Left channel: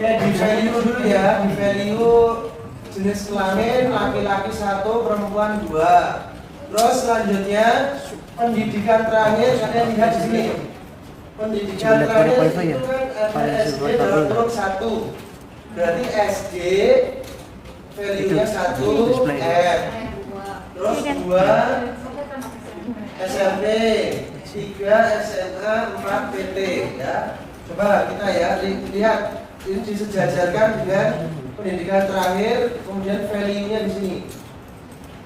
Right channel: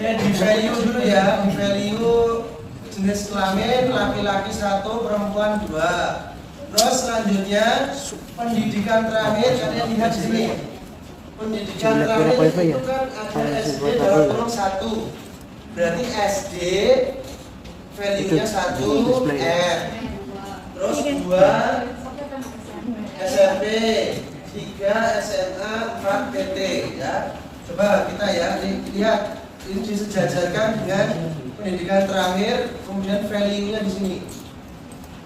Ya, di value dulu ya, di value jenis kelamin laki-laki 1, perempuan 2. Terus selanjutnya pendidikan terakhir kalian lihat di sini. Pendidikan terakhir itu kan ada SD dalam kurung 1. Berarti SD value-nya 1 R. Terus 2 SMP, 3 SMA, 4 PT ya. Coba kita ya lihat ini disejajarkan dengan pendidikan terakhir, kemudian value-nya di sini.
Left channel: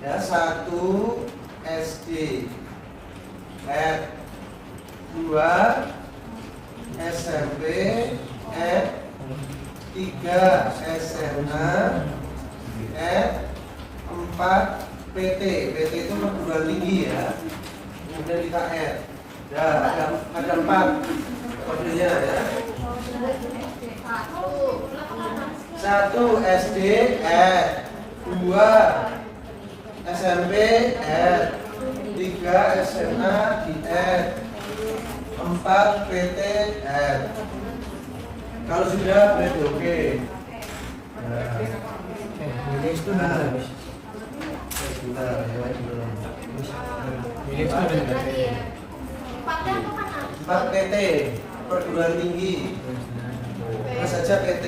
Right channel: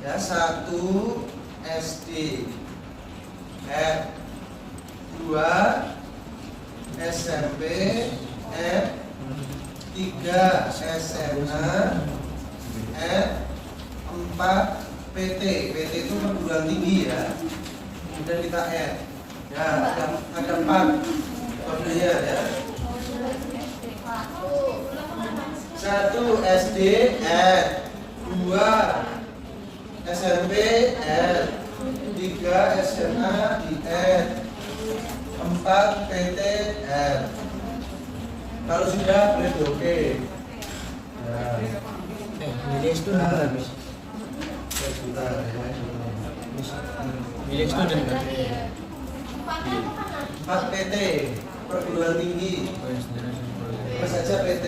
Ya, 1 SD, 2 SMP, 3 SMA, 4 PT. PT itu perguruan tinggi ya. Kemudian kita ya, ada 4 kodenya ya. 1 SD R, 2 SMP R, 3 SMA di R, 4 PT R. Kalau sudah berarti oke. Nilai student habis. Nilai student tadi. 4 PT perguruan tinggi. Terus saja PT.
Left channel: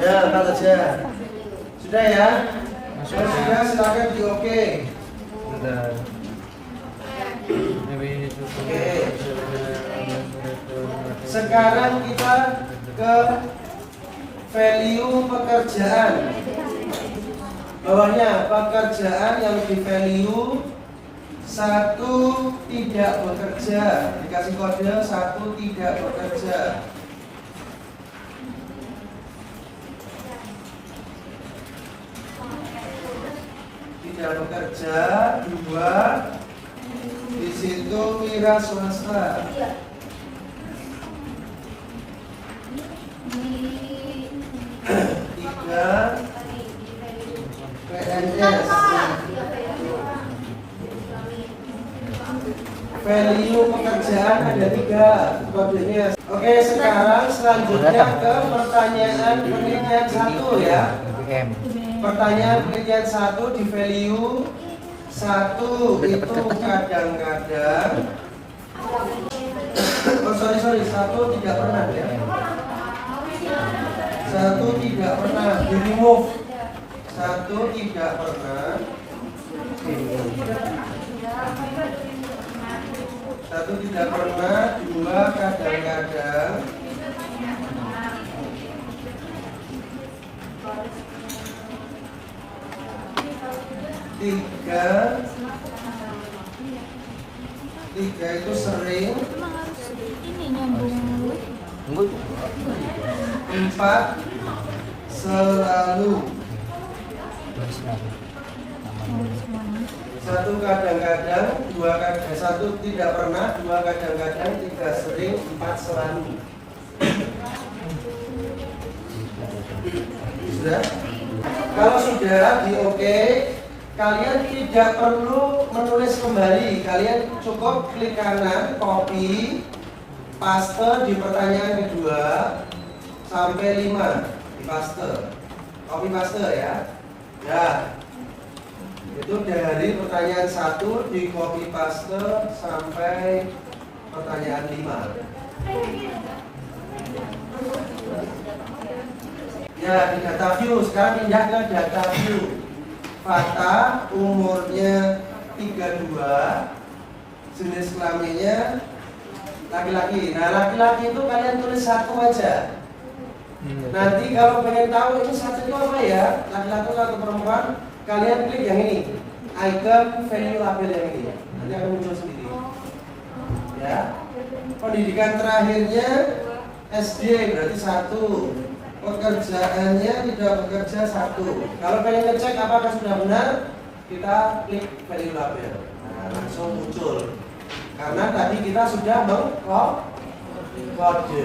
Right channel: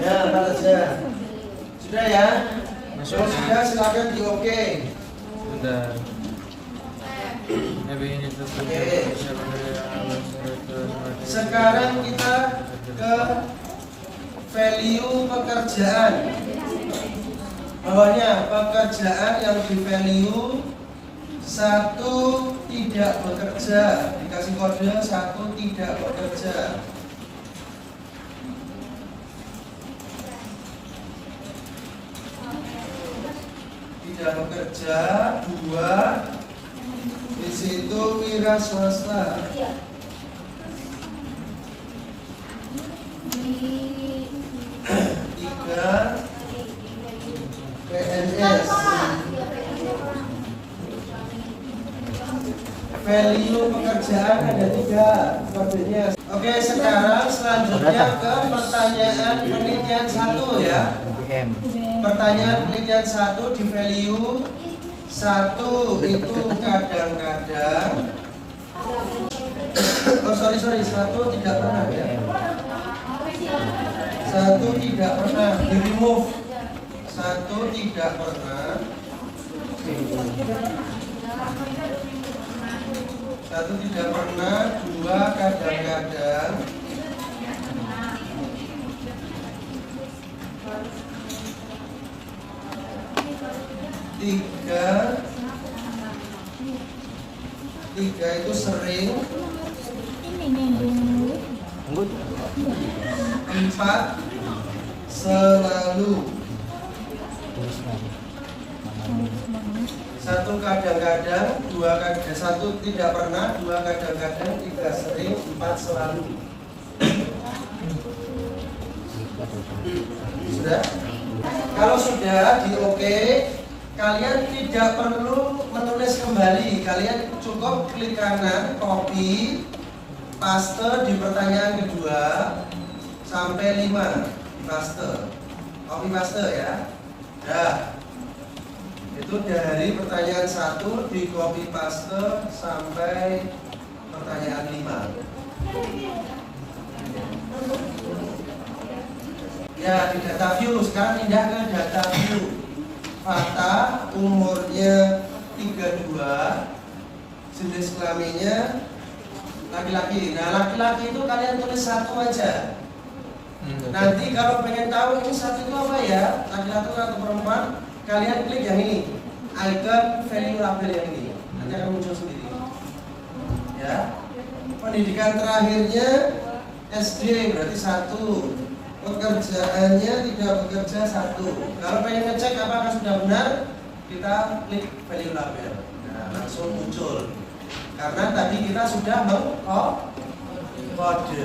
Ya, kalau saja. Sudah ya? Masuk sudah, silakan di oke. Sudah. Oke. Sekarang kita ke value pekerjaan. Bawahnya pekerjaan yang di value 1 tidak bekerja, dikasih kode 1 tidak bekerja. Tidak bekerja, 2 di situ wira swasta. 3 PNS. Value pekerjaan ada 3 kodenya. Oke, sekarang selanjutnya ke pertanyaan penelitian 1 ya. Pertanyaan penelitian 1 di value 1 itu kadang-kadang sorry 1 tidak pernah ya. 1 tidak pernah di remove. 1 tidak pernah. 1 tidak pernah, 2 kadang-kadang, 3 itu sering, 4 selalu. 1 kadang-kadang, 2 kadang, 1 tidak pernah, 2 kadang-kadang, 3 sering, 4 selalu. Sudah? Kalau sudah di oke, kalian tidak perlu menulis kembali. Kalian cukup klik kanan, copy, paste di pertanyaan kedua sampai 5 di paste. Copy paste ya. Ya. Itu dari pertanyaan 1 di copy paste sampai pertanyaan 5. Ya, di data view. Sekarang pindah ke data view. Fata umurnya 32, jenis kelaminnya laki-laki. Nah, laki-laki itu kalian tulis 1 aja. Nanti kalau pengen tahu ini 1 itu apa ya, laki-laki atau perempuan, kalian klik yang ini, icon value label yang ini, nanti akan muncul sendiri. Ya, pendidikan terakhirnya SD berarti 1, pekerjaannya tidak bekerja 1. Kalau pengen ngecek apakah sudah benar, kita klik value label. Nah, langsung muncul. Karena tadi kita sudah mengkode.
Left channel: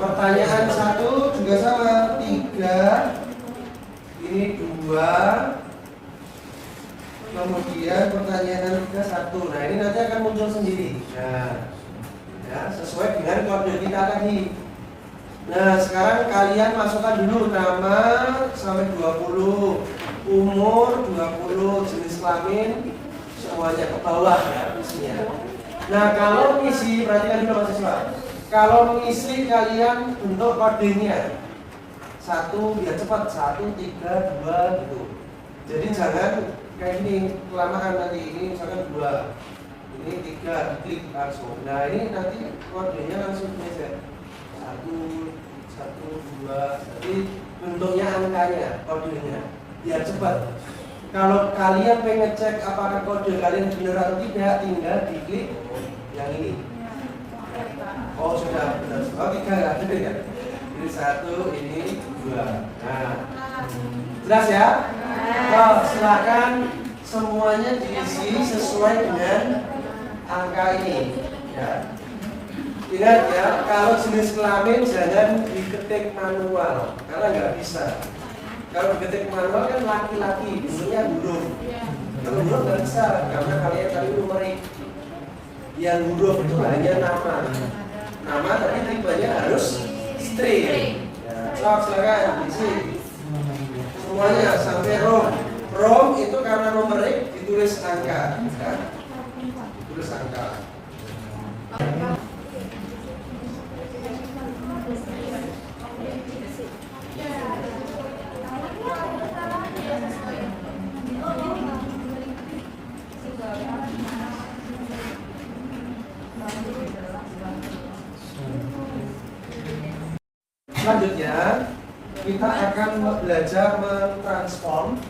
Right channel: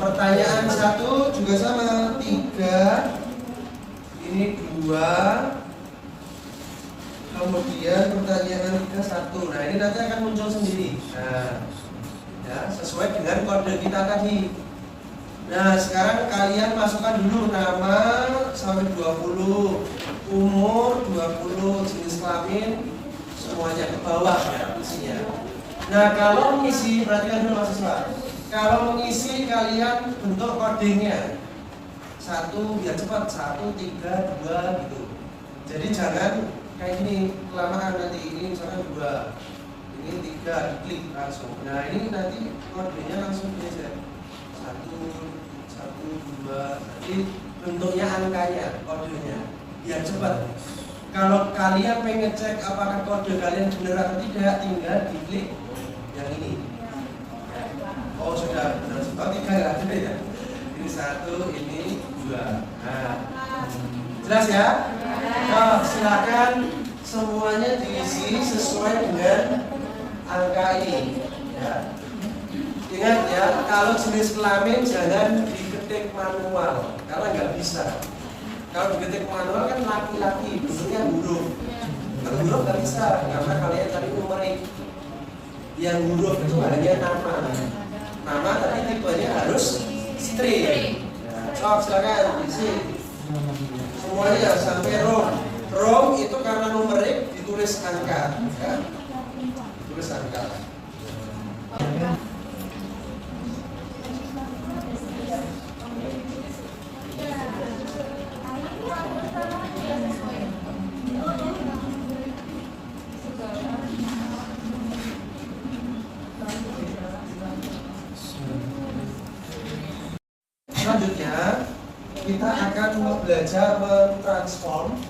Pertanyaan 1 juga sama, 3, ini 2, Kemudian pertanyaan kita satu. Nah ini nanti akan muncul sendiri. Nah, ya, sesuai dengan kode kita tadi. Nah sekarang kalian masukkan dulu nama sampai 20, umur 20, jenis kelamin semuanya ke bawah ya isinya. Nah kalau mengisi, perhatikan dulu mahasiswa. Kalau mengisi kalian bentuk kodenya satu biar cepat, 1, 3, 2 gitu. Jadi jangan kayak gini kelamaan nanti. Ini misalkan 2, ini 3, klik langsung. Nah ini nanti kodenya langsung ini saja 1, 1, 2. Jadi bentuknya angkanya, kodenya biar cepat. Kalau kalian pengen cek apakah kode kalian benar atau tidak, tinggal diklik yang ini. Oh sudah benar. Oh 3 ada ya. Ini 1, ini 2. Nah, jelas ya? Oh, silakan semuanya diisi sesuai dengan angka ini. Ya. Ingat ya, kalau jenis kelamin jangan diketik manual karena nggak bisa. Kalau diketik manual kan laki-laki, bentuknya huruf. Kalau huruf nggak bisa karena kalian tadi numerik. Yang huruf itu hanya nama. Nama tapi tipenya harus string. Ya, silakan isi. Semuanya sampai rom. Rom itu karena numerik ditulis angka, ya. Tulis angka. Selanjutnya kita akan belajar mentransform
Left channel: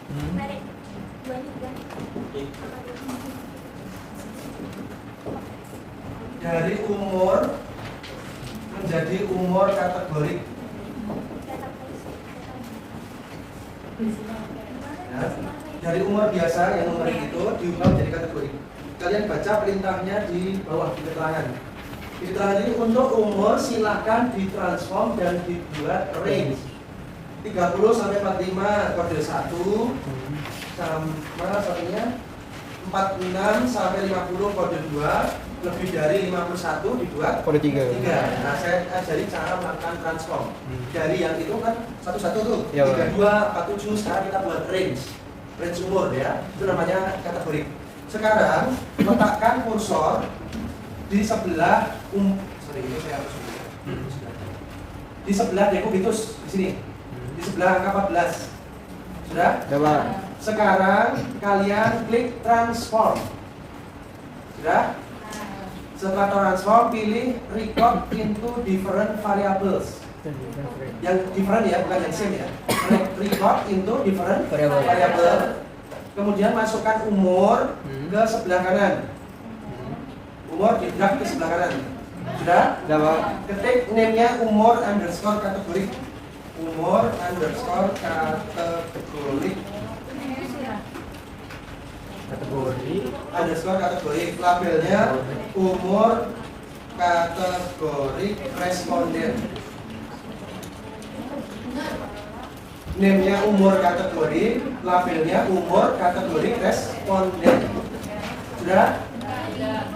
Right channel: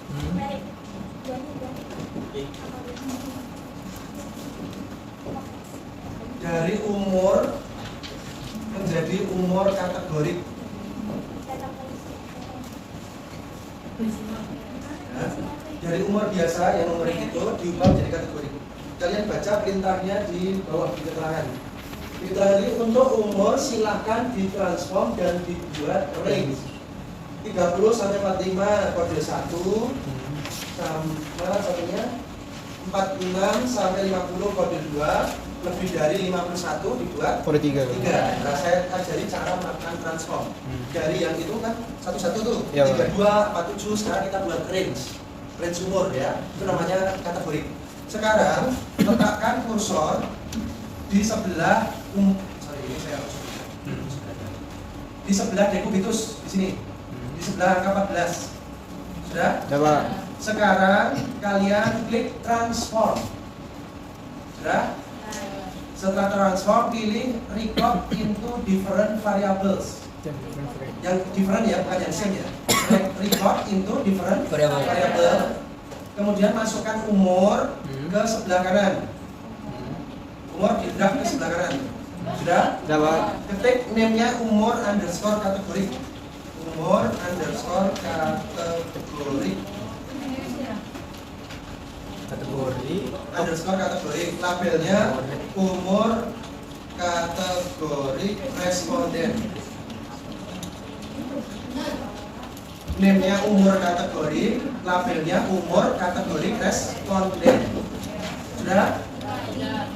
dari umur menjadi umur kategorik. Ya, dari umur biasa yang numerik itu diubah menjadi kategorik. Kalian baca perintahnya di bawah di keterangan. Keterangan ini untuk umur silahkan ditransform dan dibuat range 30 sampai 45 kode 1 sama satunya 46 sampai 50 kode 2, lebih dari 51 dibuat kode 3. Nah, saya ajari cara melakukan transform. Dari yang itu kan satu-satu tuh, Ya, 32, 47, sekarang kita buat range umur ya. Itu namanya kategori. Sekarang letakkan kursor di sebelah ini saya harus di sebelah dekubitus di sini. Di sebelah angka 14. Sudah? Coba. Sekarang kalian klik transform. Sudah? Setelah transform pilih record into different variables. Yang different ya, bukan yang same ya. Record into different variable. Kemudian masukkan umur ke sebelah kanan. Umur di drag ke sebelah kanan. Sudah? Coba. Ketik name-nya umur underscore kategori. Umur underscore kategori. Underscore kategori. Labelnya umur kategori responden. Name-nya umur kategori, labelnya umur kategori responden. Sudah?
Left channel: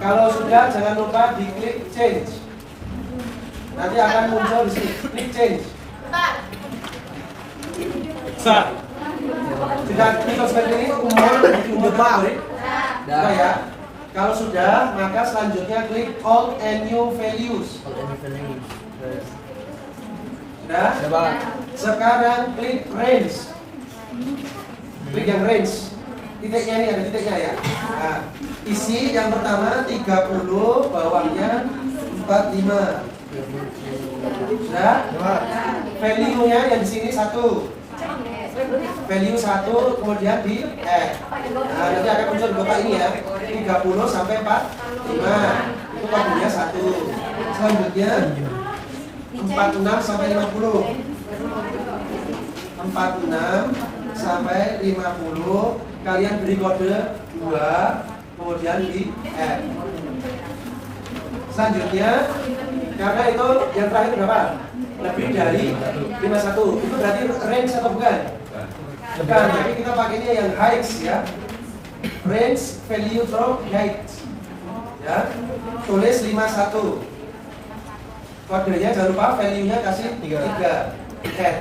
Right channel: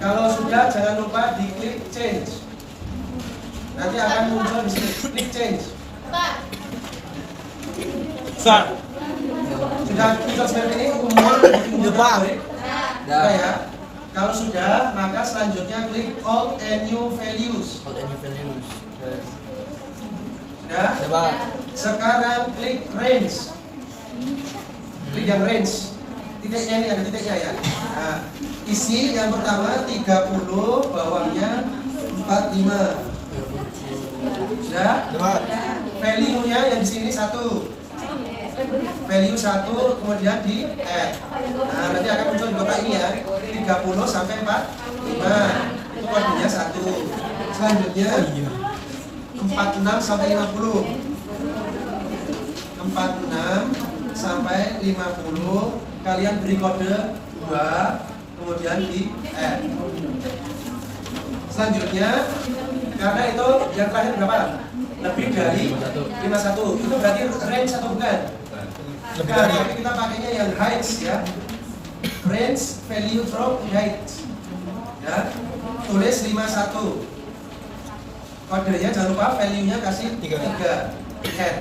Kalau sudah jangan lupa diklik change. Nanti akan muncul di sini. Klik change. Start. Sudah kita seperti ini umur kategori. Sudah ya. Kalau sudah maka selanjutnya klik all and new values. Sudah? Coba. Sekarang klik range. Klik yang range. Titiknya ini ada titiknya ya. Nah, isi yang pertama 30, bawahnya 45. Sudah? Coba. Value-nya yang di sini 1. Value 1 kemudian di add. Nah, nanti akan muncul di kotak ini ya. 30 sampai 45. Itu kodenya 1. Selanjutnya 46 sampai 50. 46 sampai 50 kalian beri kode 2 kemudian di add. Selanjutnya karena itu yang terakhir berapa? Lebih dari 51. Itu berarti range atau bukan? Bukan, tapi kita pakainya yang heights ya. range value from height. Ya, tulis 51. Kodenya jangan lupa value-nya kasih 3 head.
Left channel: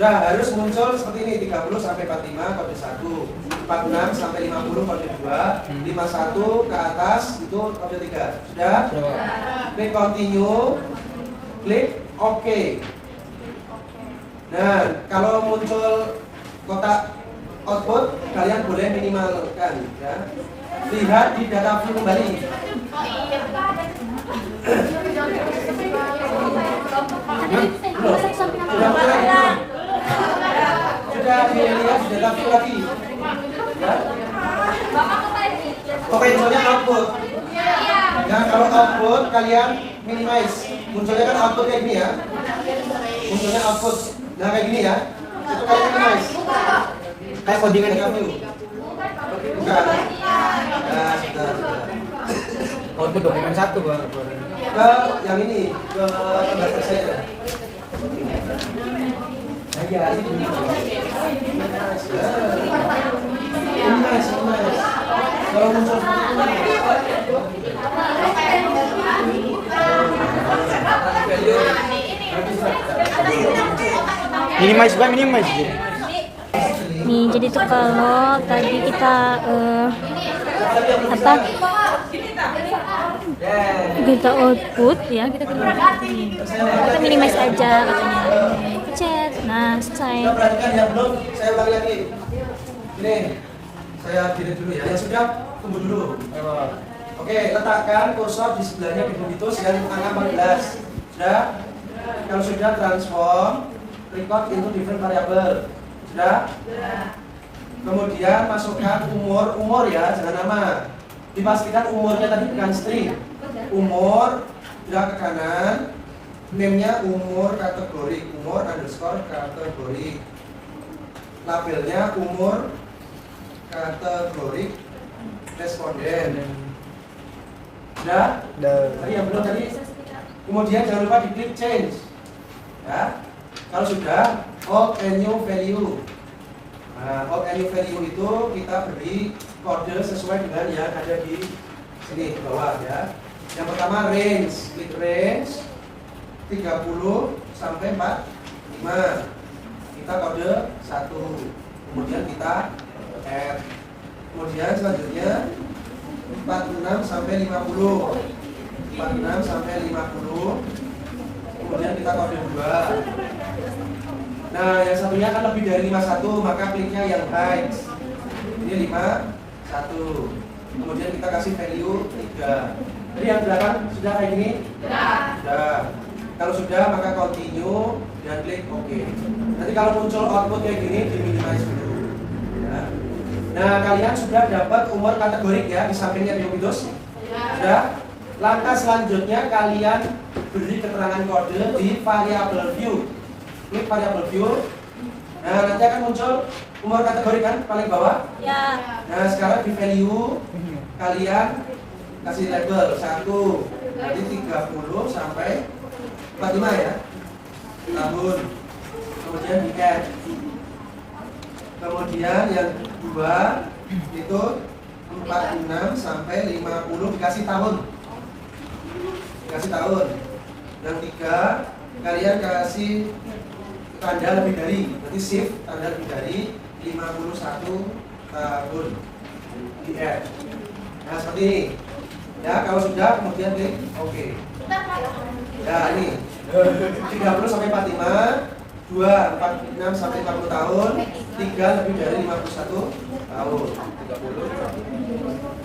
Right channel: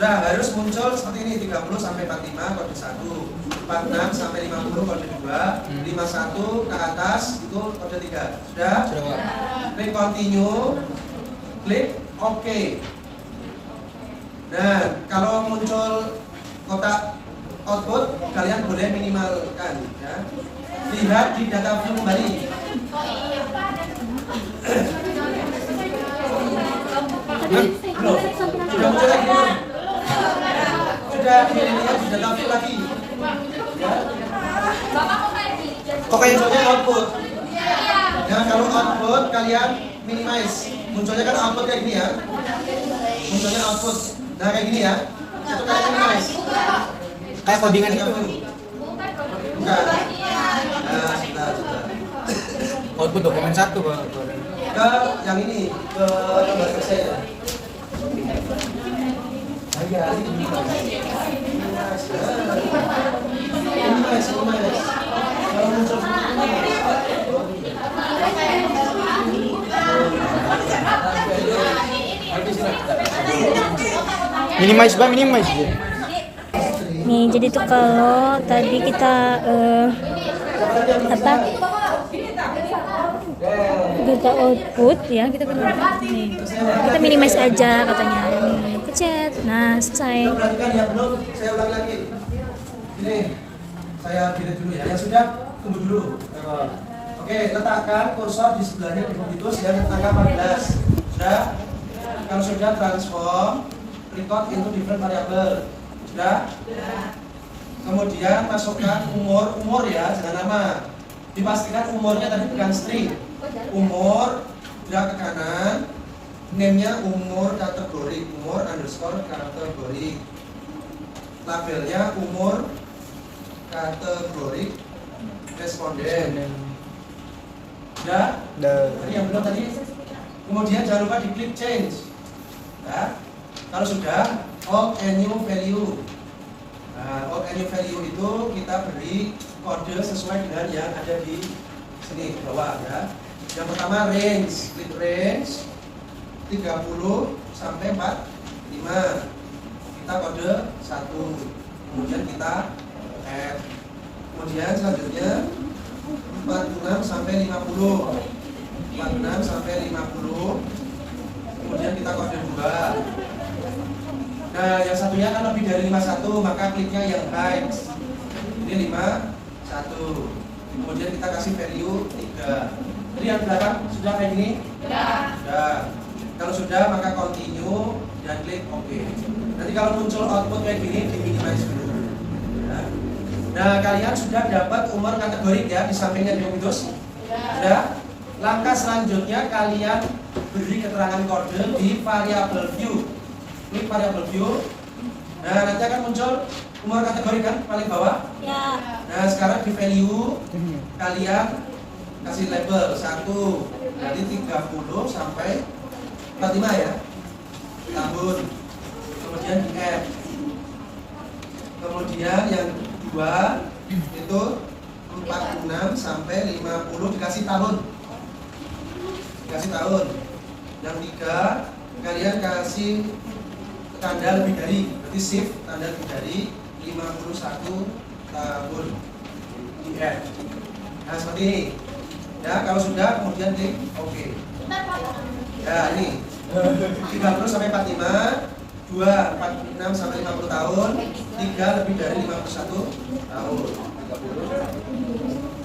Nah, harus muncul seperti ini 30 sampai 45 kode 1, 46 sampai 50 kode 2, 51 ke atas itu kode 3. Sudah? Klik continue, klik OK. Nah, kalau muncul kotak output, kalian boleh minimalkan ya. Lihat di data view kembali. Sudah dilihat di data view lagi. Ya. Oke, munculnya output. Nah, kalau output kalian minimize. Munculnya kan output kayak gini ya. Munculnya output. Nah, kayak gini ya. Itu kalian minimize. Kayak codingan itu. Enggak. Nah, sudah. Output dokumen 1 Bang. Ke yang ini, ke gambar saya. Ya, ini. Kalau muncul Minimize Bang, minimize. Nih, jadi tuh kalau tadi kita data output ya, kita minimize aja katanya. Nih, pencet. Nah, selesai. perhatikan yang belum, saya ulang lagi. Ini saya delete dulu ya. Yang sudah tunggu dulu. Oke, letakkan kursor di sebelahnya Definitus yang angka 14. Sudah? Kalau sudah, transform record into different variable. Sudah? Kemudian masukkan umur ya, jangan nama. Dipastikan umurnya tadi bukan string. Umur, gerak ke kanan. Name-nya umur kategori, umur underscore kategori. Labelnya umur kategori responden. Sudah? Tadi yang belum tadi. Kemudian jangan lupa diklik change. Ya. Kalau sudah, old and new value. Nah, old and new value itu kita beri kode sesuai dengan yang ada di sini bawah ya. Yang pertama range, klik range 30 sampai 45. Kita kode 1. Kemudian kita add. Kemudian selanjutnya 46 sampai 50. 46 sampai 50. Kemudian kita kode 2. Nah, yang satunya kan lebih dari 51, maka kliknya yang height. Ini 51. Kemudian kita kasih value 3. Jadi yang belakang sudah kayak gini? Sudah. Kalau sudah, maka continue dan klik OK. Nanti kalau muncul output kayak gini, di-minimize dulu. Ya. Nah, kalian sudah dapat umur kategorik ya di sampingnya Definitus. Sudah. Langkah selanjutnya kalian beri keterangan kode di variable view. Klik variable view. Nah, nanti akan muncul umur kategori kan paling bawah. Ya. Nah, sekarang di value kalian kasih label 1. Jadi 30 sampai 45 ya. Tahun. Kemudian di add. Kemudian yang 2 itu 46 sampai 50 dikasih tahun. Kasih tahun. Yang 3 kalian kasih tanda lebih dari, berarti shift tanda lebih dari 51 tahun di add. Nah, seperti ini ya. Kalau sudah, kemudian klik OK. Nah, ini 30 sampai 45, 2 46 sampai 50 tahun, 3 lebih dari 51 tahun. 30.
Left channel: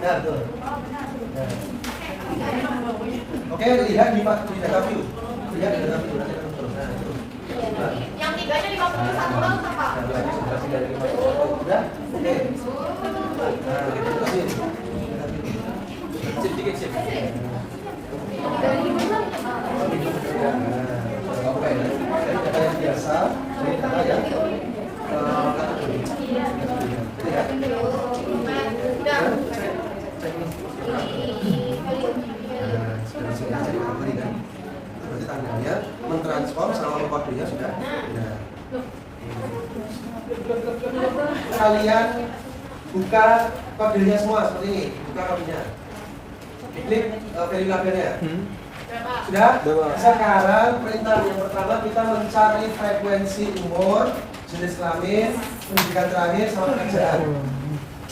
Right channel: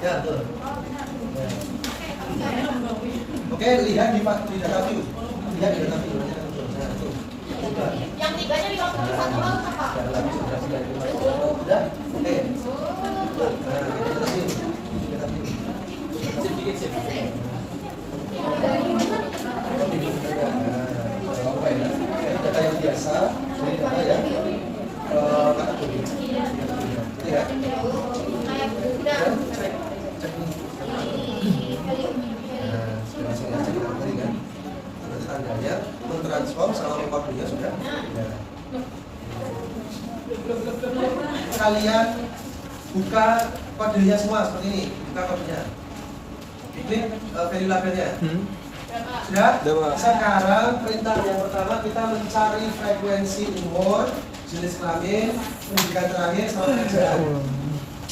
Ya, betul. Oke, lihat di data view. Lihat di data view. Yang tiganya 51 orang apa? Udah? Oke. Nah, kita terusin. Sedikit sih. Oke, dari data yang biasa, dari data yang kategori. Ini ya. Cek nih. Nah, sudah masuk transform selama kodenya sudah. Ya. Kalian buka kodenya semua seperti ini, buka kodenya. Diklik value labelnya. Sudah? Sekarang perintah yang pertama kita mencari frekuensi umur, jenis kelamin, pendidikan terakhir sama pekerjaan.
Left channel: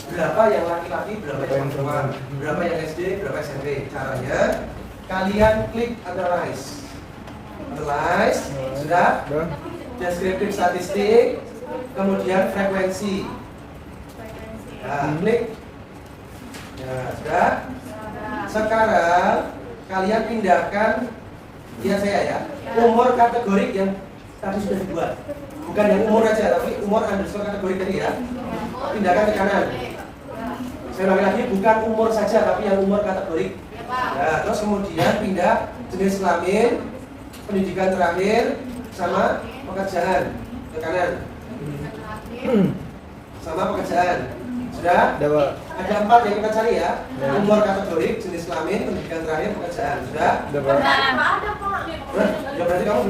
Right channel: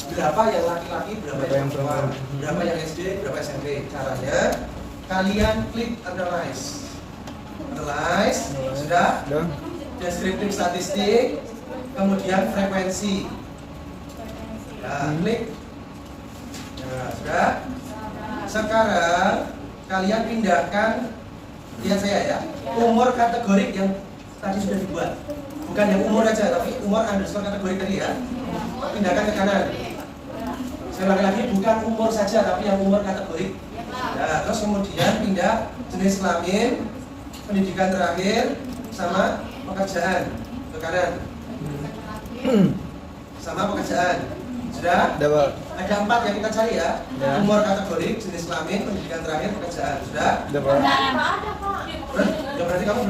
Berapa yang laki-laki, berapa yang perempuan, berapa yang SD, berapa SMP. Caranya kalian klik analyze. Analyze, sudah? Deskriptif statistik, kemudian frekuensi. Ya, klik. Ya, sudah. Sekarang kalian pindahkan, lihat saya ya, umur kategorik yang tadi sudah dibuat. Bukan yang umur aja, tapi umur underscore kategorik tadi ya. Pindahkan ke kanan. Saya ulangi lagi, bukan umur saja, tapi yang umur kategorik. Ya, terus kemudian pindah jenis kelamin, pendidikan terakhir, sama pekerjaan ke kanan. Sama pekerjaan. Sudah? Ada 4 yang kita cari ya. Umur kategorik, jenis kelamin, pendidikan terakhir, pekerjaan. Sudah? Ya berarti kamu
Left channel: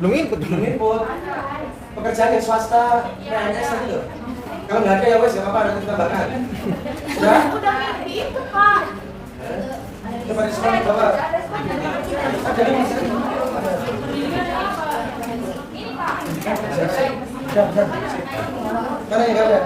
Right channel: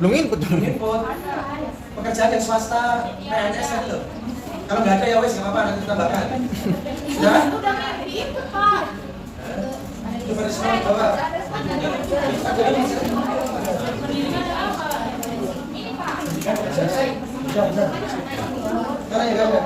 belum input. Pekerjaan yang swasta, PNS tadi loh. Kalau nggak ada ya wes, nggak apa-apa, nanti tambahkan. Sudah? Itu Pak. Coba di sebelah bawah. Ada ini. Mana yang nggak ada?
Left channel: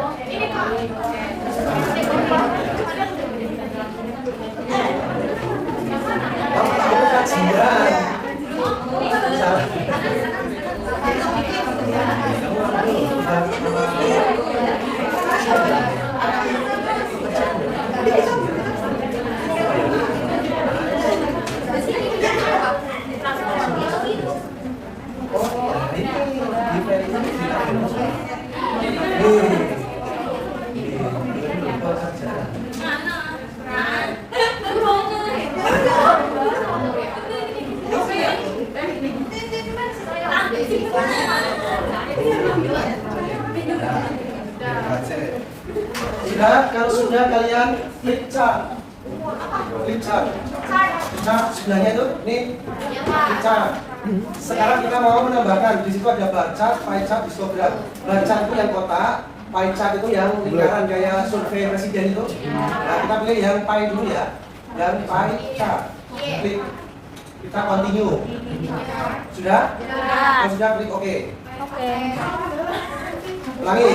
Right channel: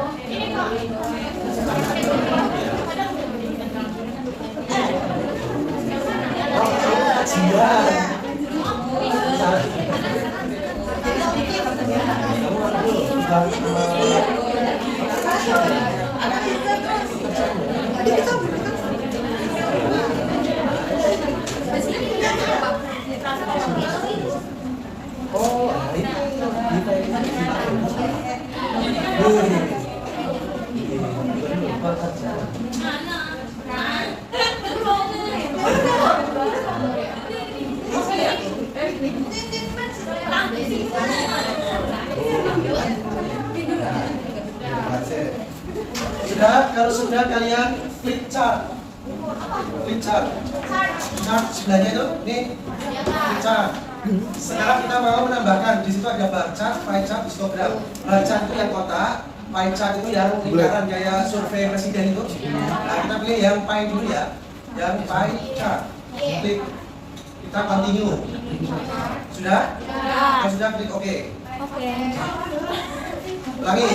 Kalau sudah kalian klik chart. Chart sebelahnya itu, nih klik chart. Sekarang kita mau menambahkan, di situ ada bar chart, pie chart, histogram. Bar chart itu yang kotak, pie chart itu yang lingkaran kayak survei presiden itu. Nah, kita pilih yang pie dulu ya, yang pie chart. Klik, kita continue. Sudah? Kalau sudah klik OK. Oke. Ulangi.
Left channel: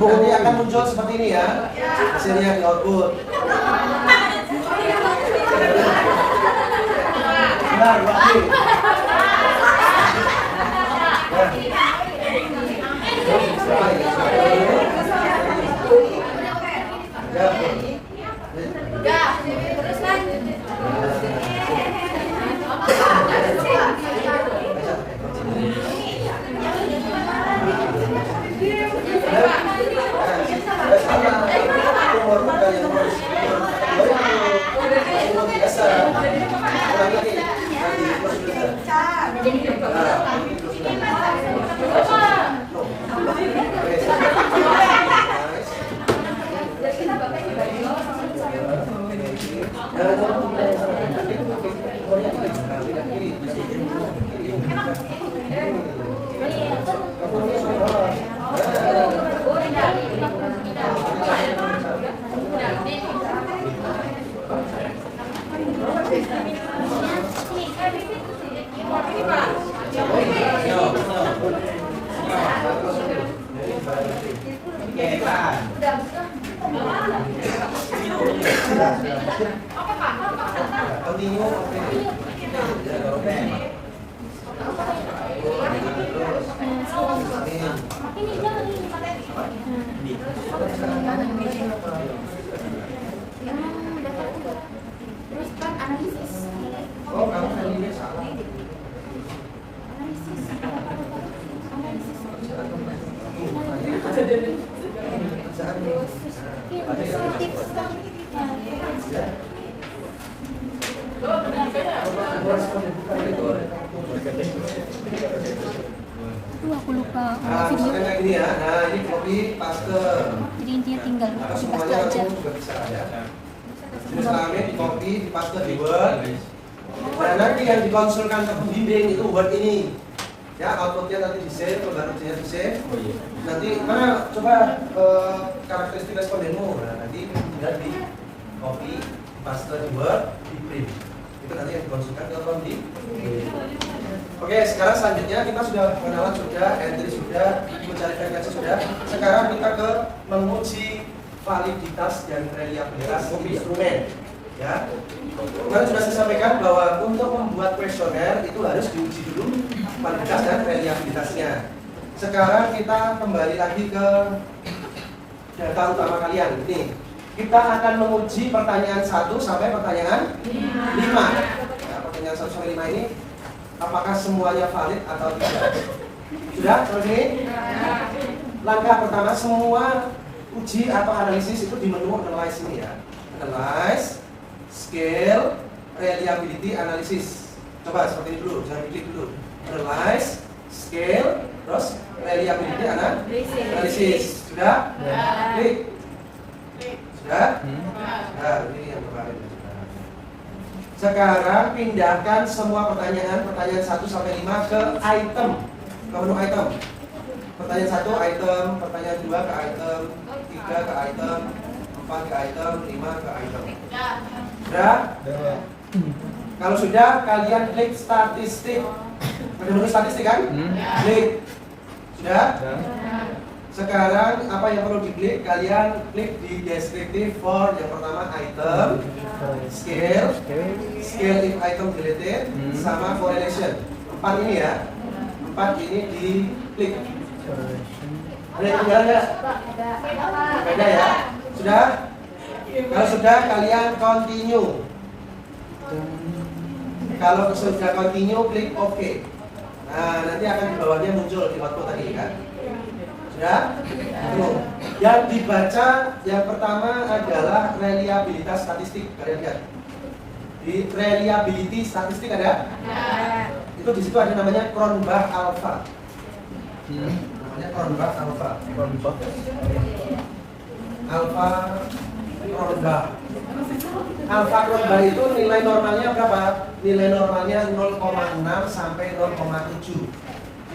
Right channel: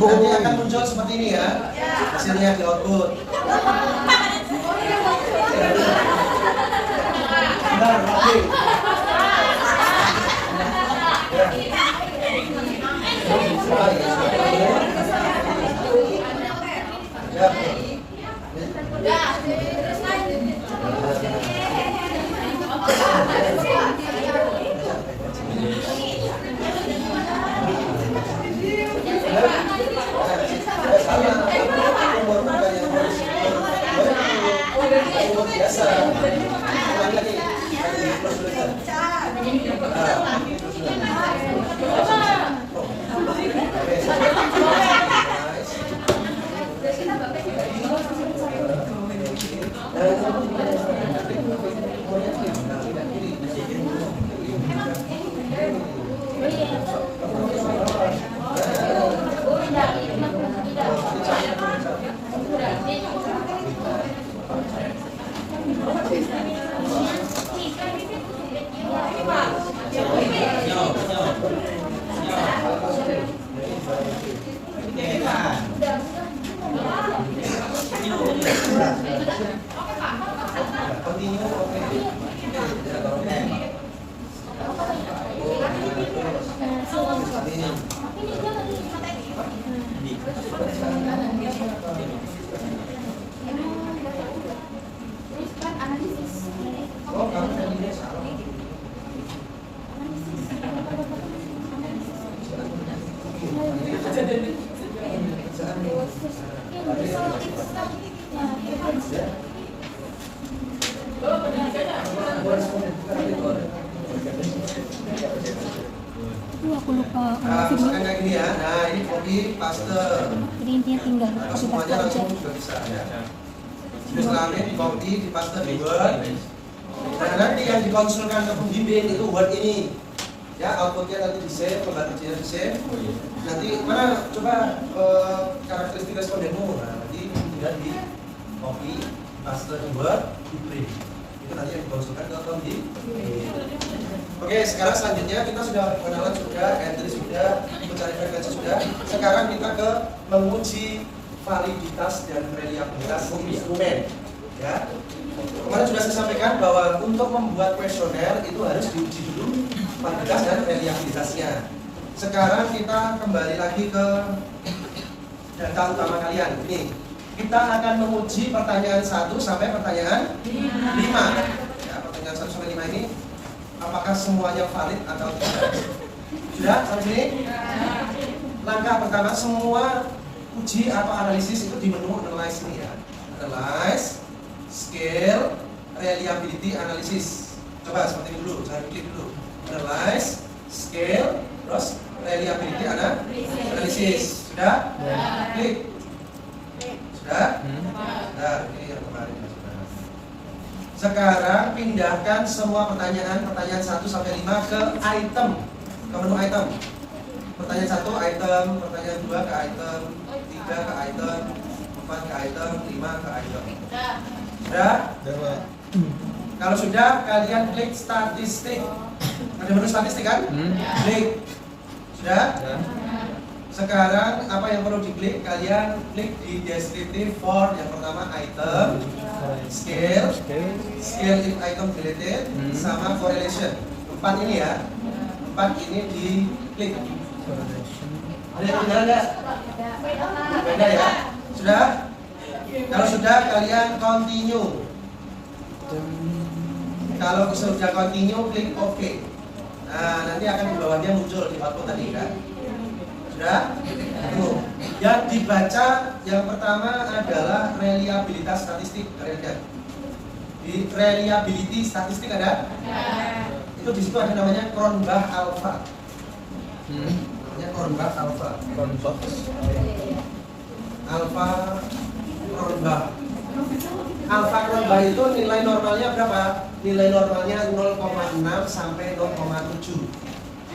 Nanti akan muncul seperti ini ya, hasilnya di output. Benar, oke. Ya, terus lanjut. Aku lupa Nah, video. misalkan kayak gini ya. Nah, ini copy paste. Jadi intinya tinggal Nah, copy paste semuanya aja. langsung juga bisa ya. Jenis kelamin di copy, di paste di Word. Nah, nanti yang dikonsulkan ke pembimbing itu word ini. Ya, outputnya nanti di save, lembar kerjanya di save. Nanti mana coba karakteristik respondenmu. Nah, nanti tinggal di copy, paste di word, di print. Itu nanti yang dikonsulkan ke pembimbing. Oke, sekarang selanjutnya kita sudah kenalan sudah, entry sudah, mencari frekuensi sudah. Sekarang kita ke menguji validitas dan reliabilitas instrumen. Ya, kemarin sudah saya sampaikan bahwa untuk membuat kuesioner itu harus diuji dulu validitas dan reliabilitasnya. Sekarang kita kembali lagi ke data utama kalian. Ini kita akan menguji pertanyaan 1 sampai pertanyaan 5. Ya, pertanyaan 1 sampai 5 ini apakah semuanya valid atau tidak? Sudah sampai sini? Langkah pertama, semua uji atau analisis itu di menu analyze ini ya. Analyze, scale, reliability analysis. Coba seperti ini dulu, jangan klik dulu. Analyze, scale, terus reliability analysis. Sudah? Klik. Sudah? Nah, ini yang kemarin. Sekarang pindahkan semua pertanyaan 1 sampai 5 ke item, ke menu item. Pertanyaan 1 item, pertanyaan 2 ke item, 3 ke item, 4 ke item, 5 ke item. Sudah? Kalau sudah, kalian klik statistik. Ada menu statistik kan? Klik. Sudah? Sekarang apa yang perlu diklik? Kalian klik di descriptive for yang pertama item, scale if item related, sama correlation. 4 ini ya. 4 ini diklik. Ada yang benar nggak? Beda ya. Sudah? Kalau sudah, kalian continue. Kalau sudah continue, klik OK. Nah, nanti akan di bawahnya muncul di output tadi kan. Sudah? Tuh. Yang dibaca yang pertama adalah reliabilitas statistik. Kalian lihat. Di reliability statistik ada? Itu di situ ada namanya Cronbach alpha. Namanya Cronbach alpha. Alpha Cronbach. Alpha Cronbach itu nilai normalnya berapa? Nilai normalnya 0,6 sampai 0,7.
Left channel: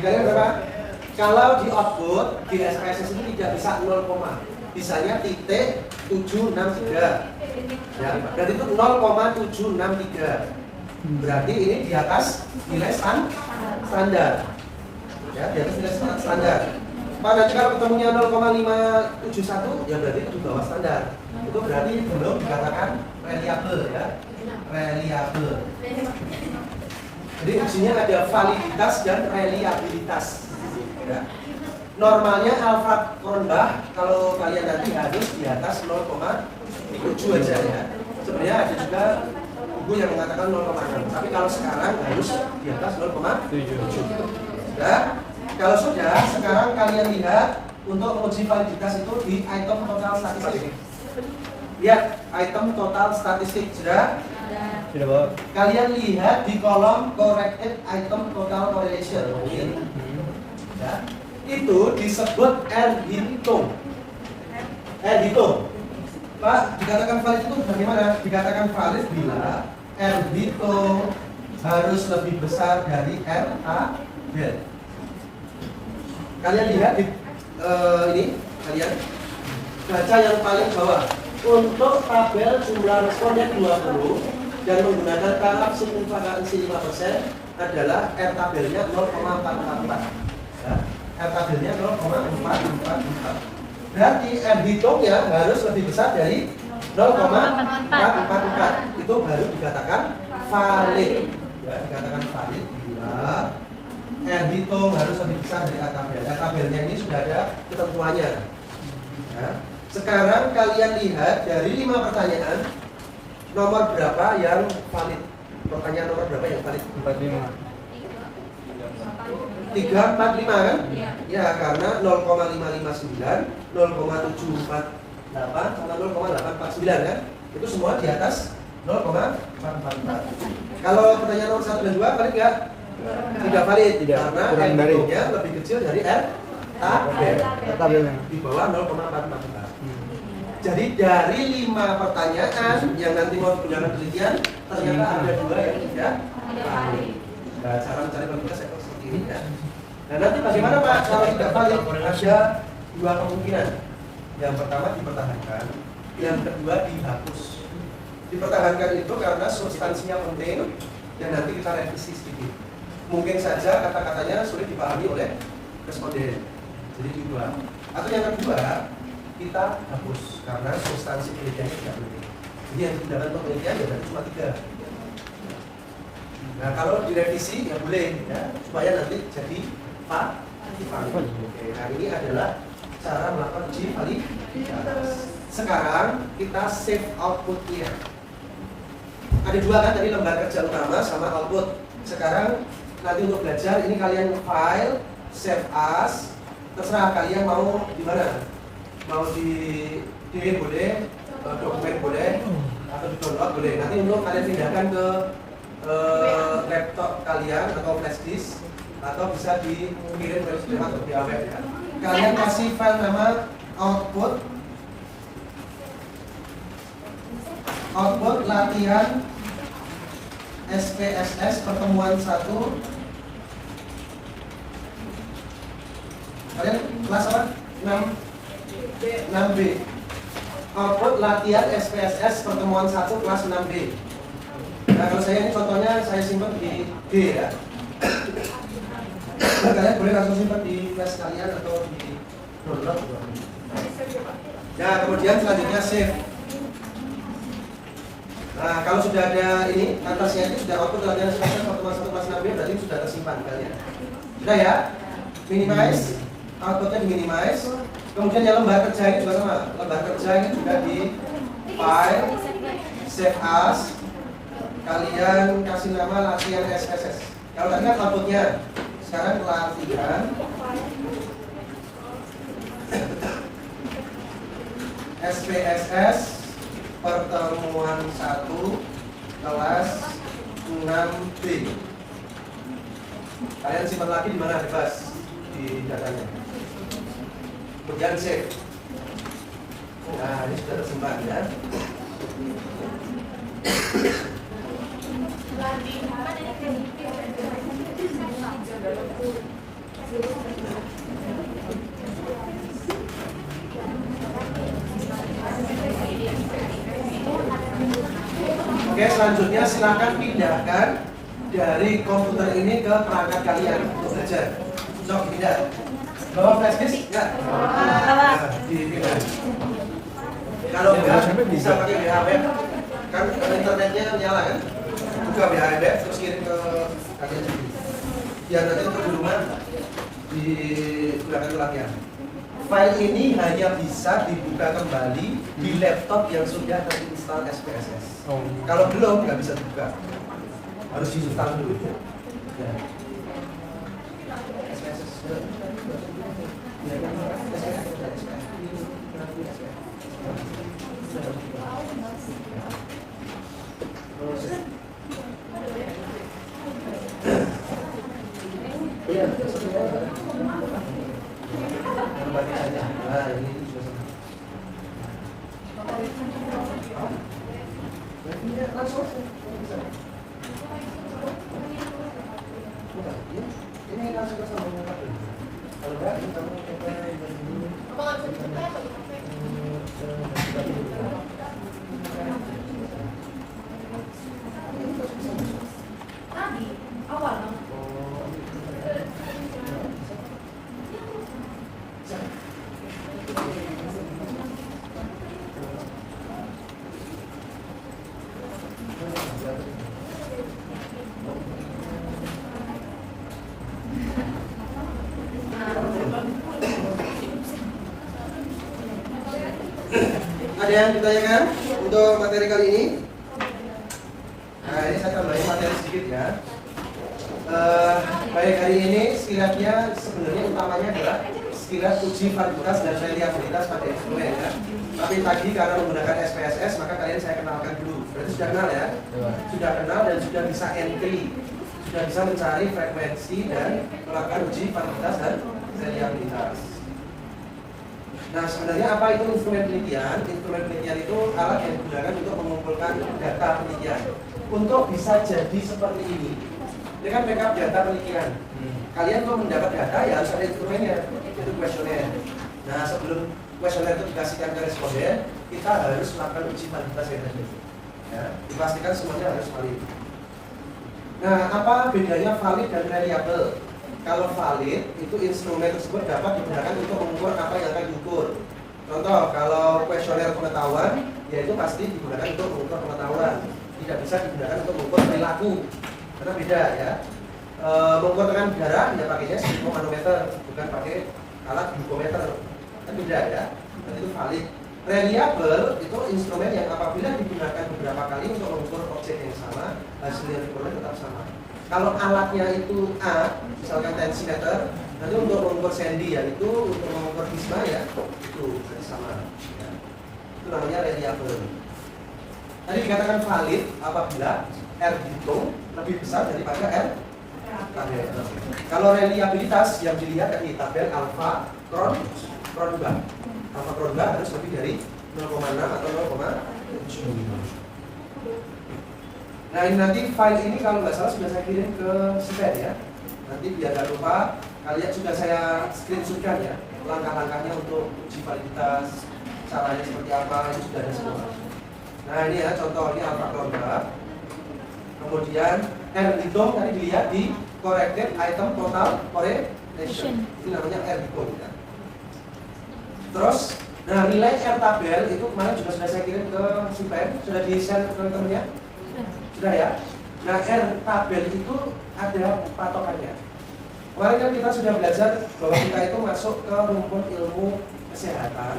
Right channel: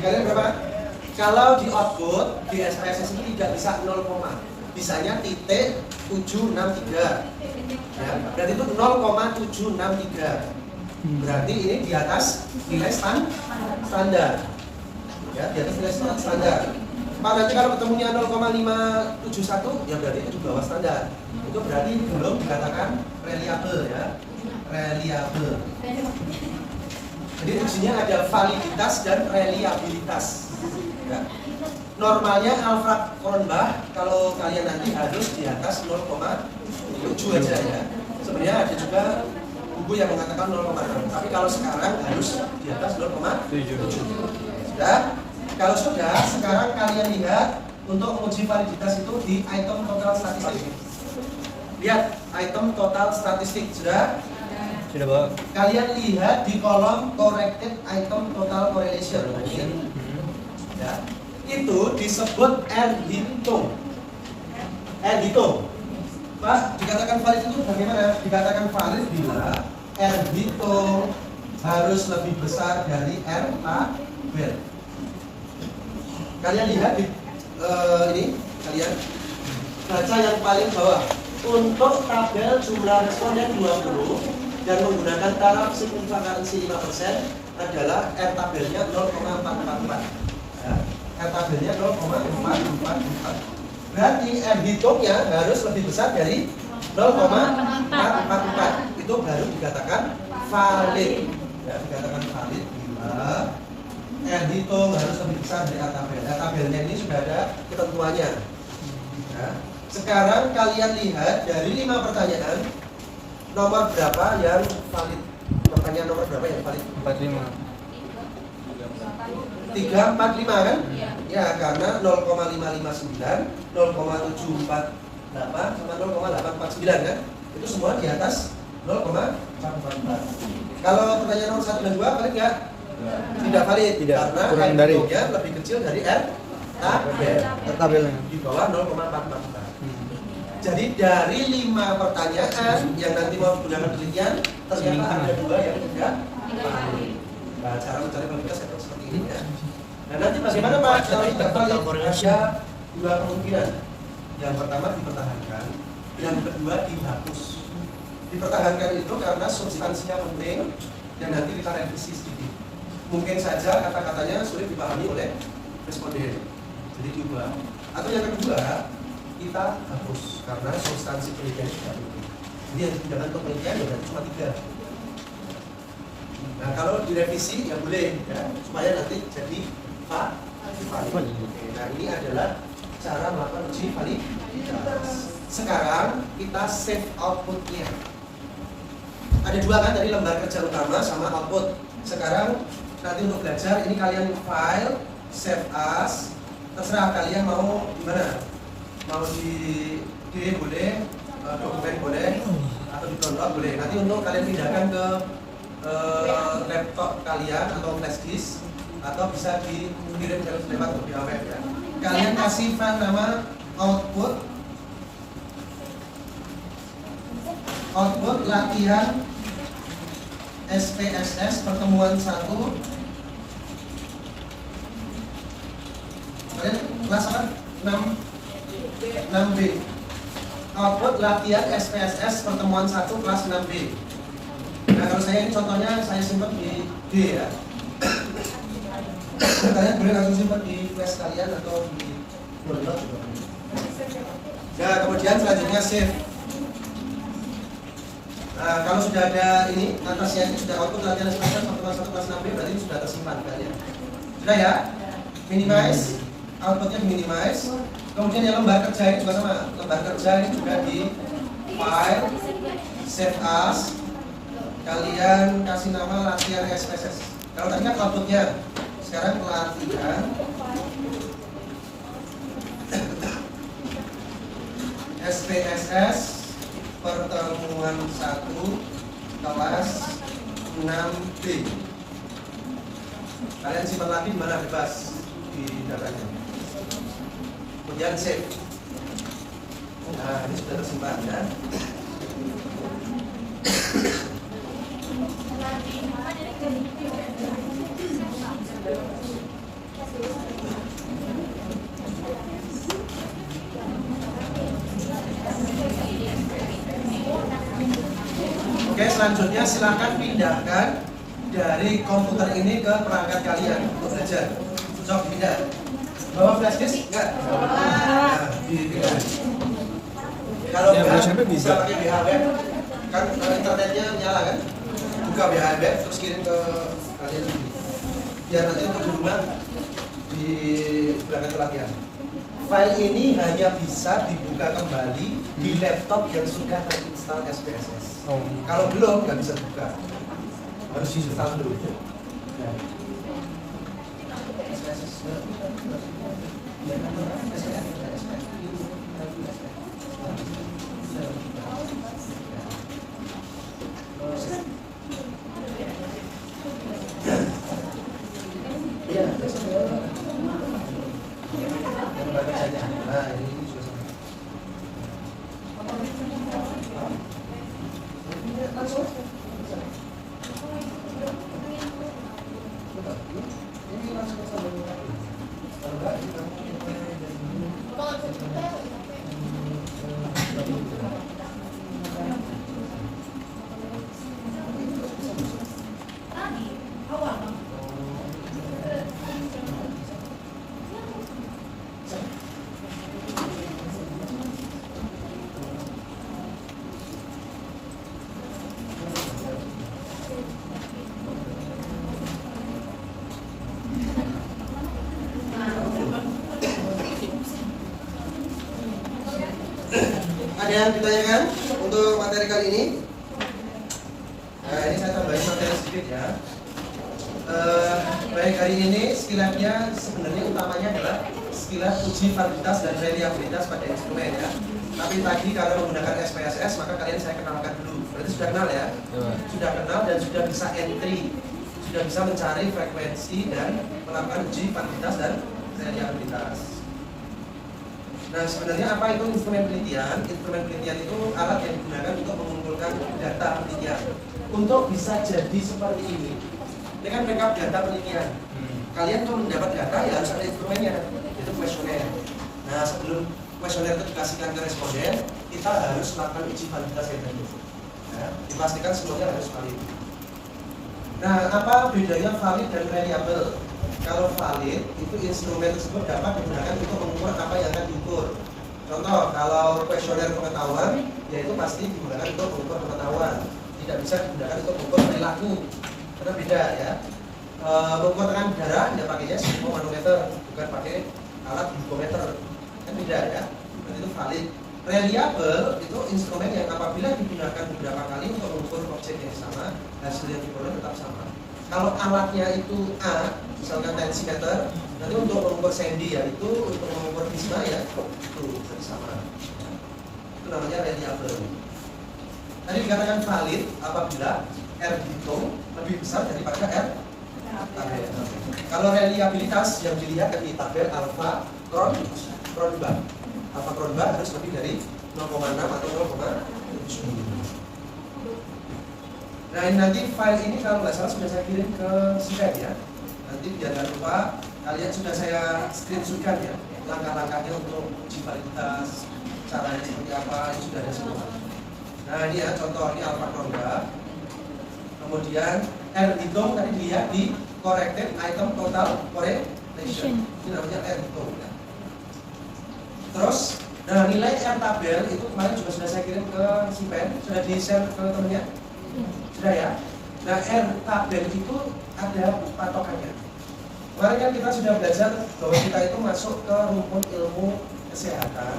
Dikalikan berapa? Kalau di output di SPSS itu tidak bisa 0, bisanya titik 763. Ya, berarti itu 0,763. Berarti ini di atas nilai standar. Ya, di atas nilai standar. Pak, nanti kalau ketemunya 0,571 ya berarti itu di bawah standar. Itu berarti belum dikatakan reliable ya. Reliable. Jadi ujinya ada validitas dan reliabilitas. Ya. Normalnya alpha Cronbach kalau kalian nanti harus di atas 0,7 aja ya. Sebenarnya ada juga buku yang mengatakan 0,6. Tapi kalau sekarang harus di atas 0,7. Sudah? Kalau sudah, sekarang kalian lihat untuk menguji validitas itu di item total statistik. Lihat item total statistik sudah? Sudah, Pak. Kalian lihat di kolom corrected item total correlation. Ya. Itu disebut R-hitung. R-hitung. Pak, dikatakan valid itu bagaimana? Dikatakan valid bila R-hitung harus lebih besar dari R-tabel. Kalian lihat di ini, kalian baca yang paling bawah. Untuk tabel jumlah responden 20 dan menggunakan taraf signifikansi 5% adalah R-tabelnya 0,444. Ya, R-tabelnya 0,444. Berarti R-hitungnya harus lebih besar dari 0,444. Itu baru dikatakan valid. Ya, dikatakan valid bila R-hitung harus lebih besar dari R-tabel. R-tabelnya ini sudah ada ketentuannya. Ya. Sekarang kalian lihat dari 5 pertanyaan, nomor berapa yang valid? Pertanyaan nomor berapa yang valid? 45. 345 kan? Ya, karena 0,559, 0,748 sama 0,849 kan? Itu semua di atas 0,444. Kalau pertanyaan nomor 1 dan 2 valid nggak? Tidak valid, Tidak, karena kurang dari. R-hitungnya lebih kecil dari R-tabel. Tabelnya. Di bawah 0,444. Jadi dari 5 pertanyaan yang nanti mau digunakan penelitian, ternyata ada 2 yang tidak valid. Nah, cara mencari probabilitas seperti ini ya. Nah, nanti bagaimana Pak kalau tidak valid? Ada 2 kemungkinan. Yang pertama dipertahankan, yang kedua dihapus. Dipertahankan itu karena substansinya penting dan nanti kita revisi sedikit. Mungkin saja kata-katanya sulit dipahami oleh responden, jadi diubah. Atau yang kedua, kita hapus karena substansi penelitian tidak penting. Jadi yang digunakan untuk penelitian ya berarti cuma 3. Nah, kalau direvisi ya boleh ya, supaya nanti jadi valid. Oke, nah ini adalah cara melakukan uji validitas. Sekarang kita save outputnya. Ada 2 kan tadi, lembar kerja utama sama output. Sekarang nanti untuk belajar ini kalian file, save as, terserah kalian mau gimana. Mau di D boleh, dokumen boleh, atau di download boleh. Nanti untuk kalian pindahkan ke laptop kalian atau flash disk, atau bisa dikirim ke lewat via web ya. Kalian kasih file nama output latihan SPSS pertemuan 1. Kalian kelas apa? 6B. Output latihan SPSS pertemuan 1 kelas 6B. Nah, kalau saya ini contohnya saya simpan di D ya. Nah, kalian boleh langsung simpan di flash kalian atau di download juga. Ya, kemudian selanjutnya save. Nah, kalau sudah ada ini, atasnya ini sudah output latihan SPSS pertemuan 1 kelas 6B, berarti sudah tersimpan filenya. Sudah ya? Minimize, outputnya di minimize. Kemudian yang lembar kerja ini juga sama. Lembar kerja ini juga di file, save as. Kalian kasih nama latihan SPSS. Kalau tadi kan outputnya, sekarang latihan SPSS pertemuan 1 kelas 6B. Kalian simpan lagi di mana bebas di datanya. Kemudian save. Nah, ini sudah tersimpan ya. Oke, selanjutnya silakan pindahkan dari komputer ini ke perangkat kalian untuk belajar. Sok pindah. Bawa flash disk enggak? Nah, dipindah. Kalau enggak bisa pakai BHW, kan internetnya nyala kan? Buka BHW terus kirim ke kalian sendiri. Biar nanti untuk di rumah di belakang latihan. File ini hanya bisa dibuka kembali di laptop yang sudah terinstall SPSS. Kalau belum nggak bisa buka, harus diinstal dulu. Ya. Ada yang ditanyakan untuk materi kali ini? Nah, ini saya tambahin materi sedikit ya. Baik, hari ini skillatnya sebenarnya utamanya adalah skillat uji validitas dan reliabilitas pada instrumen ya. Tapi tadi karena menggunakan SPSS maka kalian saya kenalkan dulu. Berarti sudah kenal ya? Sudah kenal dan sudah bisa entry, sudah bisa mencari frekuensi dan melakukan uji validitas dan reliabilitas. Nah, sebenarnya apa itu instrumen penelitian? Instrumen penelitian itu alat yang digunakan untuk mengumpulkan data penelitian. Untuk bisa jadi seperti ini, ini kan backup data penelitian. Kalian untuk mendapat data ya harus ada instrumennya, yaitu kuesioner. Nah, sebelum kuesioner itu dikasihkan ke responden, kita harus melakukan uji validitas yang tadi. Ya, dipastikan semuanya harus valid. Nah, apa bedanya valid dan reliable? Kalau valid, itu instrumen tersebut dapat digunakan untuk mengukur apa yang akan diukur. Contoh, kalau kuesioner pengetahuan, ya itu pasti digunakan untuk mengukur pengetahuan. Tidak bisa digunakan untuk mengukur perilaku, karena beda ya. Mengukur tekanan darah, tidak pakainya manometer, bukan pakai alat glukometer, kan beda ya. Berarti itu valid. Reliable itu instrumen yang apabila digunakan beberapa kali untuk mengukur objek yang sama, hasil yang diperoleh tetap sama. Kalau alatnya itu A, misalkan tensimeter, nanti untuk mengukur sendi ya itu, untuk mengukur prisma ya itu jadi sama. Ya. Itu namanya reliable. Tadi dikatakan valid apabila R dihitung lebih besar daripada R tabel. Kalau reliabilitas yang dilihat dari tabel alfa Kronberg. Alfa Kronberg harus lebih dari 0,6 atau 0,7. Nah ini nanti file ini kalau nggak salah sudah saya kirim ke Sven ya. Nanti biar nggak lupa, kalian sudah saya screenshotkan ya langkah-langkahnya untuk uji validitas, caranya seperti apa, ini sudah ada semua. Nah ini ya contohnya alfa Kronberg. Kemudian R hitung tadi dilihat di corrected item total correlation. Ini namanya R hitung ya. Terus, nah nilai R tabel itu kemarin juga sudah saya kirim ke Sven, sudah di-share ke temennya. Sudah ya? Nah R tabel itu ada patokannya. Kemarin kan kita sudah belajar bahwa kita itu masuk ke rumpun ilmu kesehatan.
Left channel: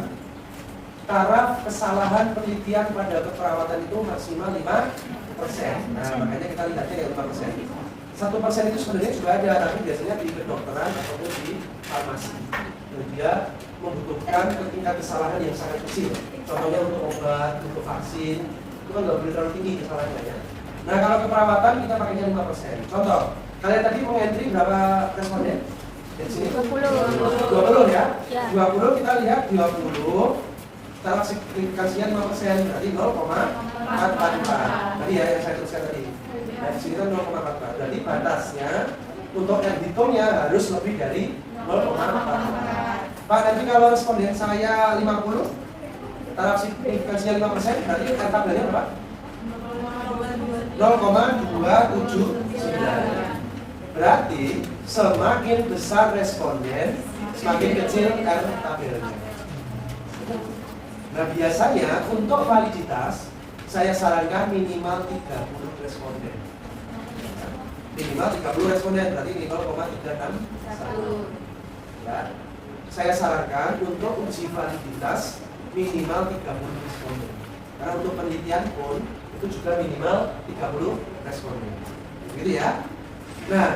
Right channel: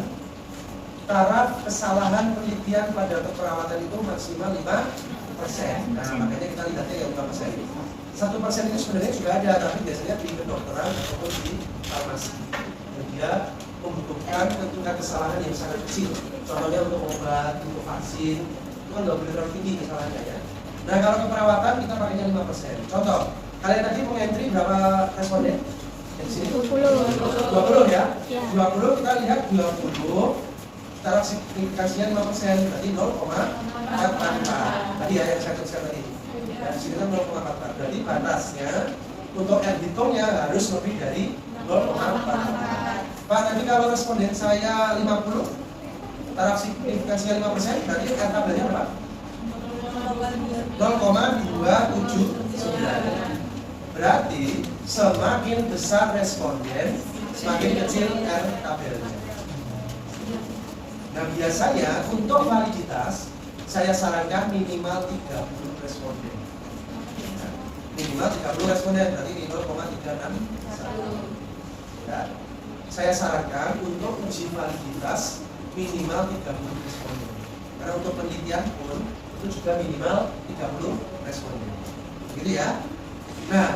Taraf kesalahan penelitian pada keperawatan itu maksimal 5%. Nah makanya kita lihatnya ya 5%. 1% itu sebenarnya sudah ada, tapi biasanya di kedokteran ataupun di farmasi. Dan dia membutuhkan tingkat kesalahan yang sangat kecil. Contohnya untuk obat, untuk vaksin, itu kan nggak boleh terlalu tinggi kesalahannya ya. Nah kalau keperawatan kita pakainya 5%. Contoh, kalian tadi mengentry berapa responden? Dari sini? 20 ya? 20 kita lihat 20 taraf signifikansinya 5%, berarti 0,44. Tadi ya yang saya tuliskan tadi. Nah di sini kan 0,44. Berarti batasnya untuk R hitungnya harus lebih dari 0,44. Pak, nanti kalau responden saya 50, taraf signifikansinya 5%, berarti R tabelnya berapa? 0,279. Berarti semakin besar responden, semakin kecil R tabelnya. Nah biasanya untuk validitas saya sarankan minimal 30 responden. Minimal 30 responden, berarti 0,361. Ya. Saya sarankan untuk uji validitas minimal 30 responden. Karena untuk penelitian pun itu juga minimal 30 responden. Gitu ya. Nah,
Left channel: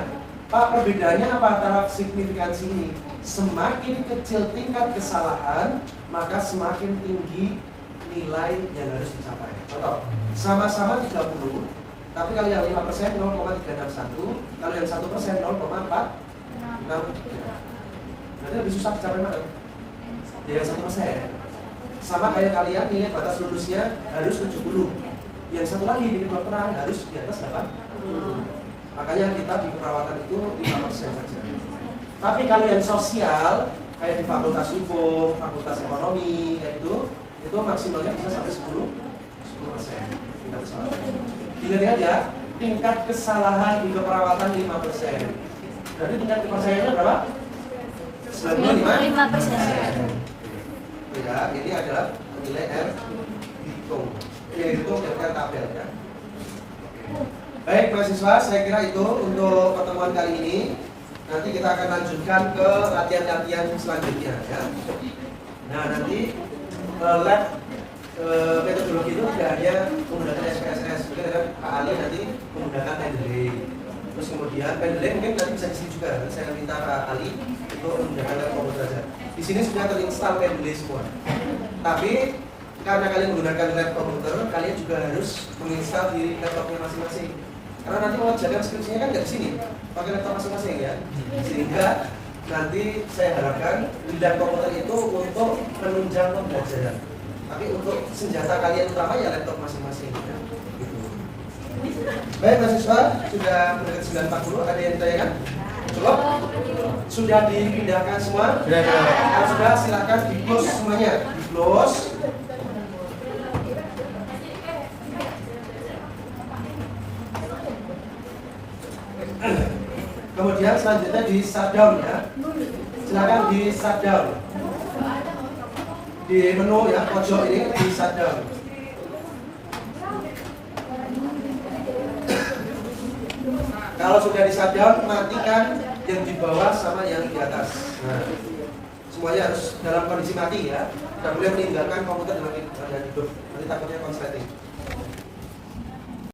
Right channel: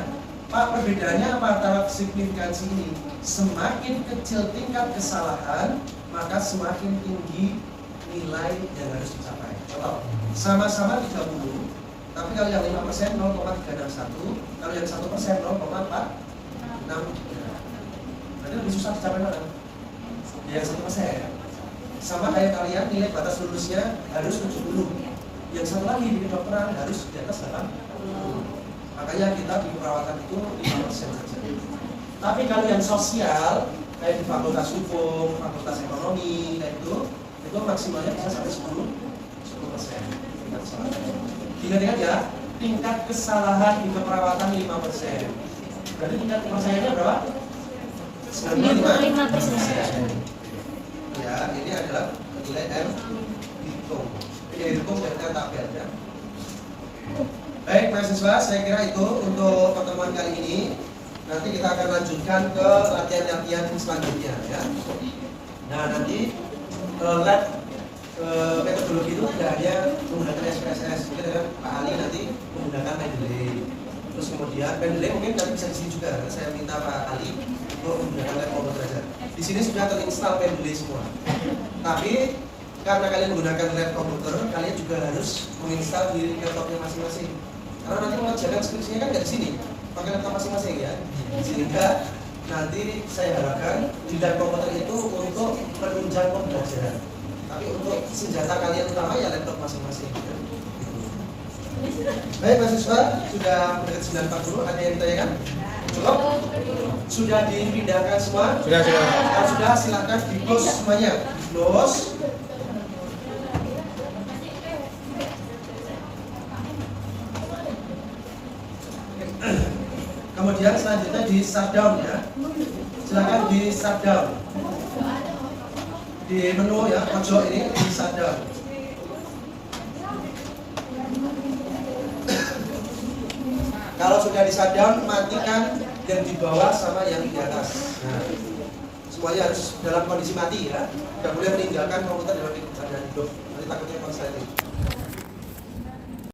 Pak, perbedaannya apa antara signifikansi ini? Semakin kecil tingkat kesalahan, maka semakin tinggi nilai yang harus dicapai. Contoh, sama-sama 30, tapi kalau yang 5% 0,361, kalau yang 1% 0,463. Berarti lebih susah dicapai mana? Yang 1%. Sama kayak kalian nilai batas lulusnya harus 70. Yang satu lagi di kedokteran harus di atas 80. Makanya kita di perawatan itu 5% saja. Tapi kalau yang sosial, kayak di fakultas hukum, fakultas ekonomi, kayak itu maksimalnya bisa sampai 10%. Ingat-ingat ya, tingkat kesalahan di keperawatan 5%. Berarti tingkat kepercayaannya berapa? 95%. Ya, ini adalah nilai R hitung. Ini hitung R tabel ya. Baik mahasiswa, saya kira itu untuk pertemuan kali ini. Nanti kita akan lanjutkan ke latihan-latihan selanjutnya ya. Nah nanti lab metodologi itu tidak hanya menggunakan SPSS, mungkin ada Pak Ali nanti menggunakan Mendeley. Terus kemudian Mendeley mungkin nanti bisa di sini juga. Saya minta Pak Ali untuk menggunakan lab komputer. Di sini sudah terinstall Mendeley semua. Tapi karena kalian menggunakan lab komputer, kalian juga harus menginstal di laptopnya masing-masing. Karena nanti mengerjakan skripsinya kan dari sini, pakai laptop masing-masing ya. Sehingga nanti saya harapkan di lab komputer itu untuk penunjang pembelajaran. Tapi untuk senjata kalian utama ya laptop masing-masing. Ya. Baik mahasiswa, sudah mendekat 9.40, ada yang ditanyakan? Cukup? Sudah dipindahkan semua? Sudah. Kalau sudah, silakan di close semuanya. Di close. Kemudian selanjutnya di shutdown ya. Silakan di shutdown. Di menu ya, pojok ini di shutdown. Kalau sudah di shutdown, matikan yang di bawah sama yang di atas. Nah, semuanya harus dalam kondisi mati ya. Tidak boleh meninggalkan komputer dalam keadaan hidup. Nanti takutnya konsleting.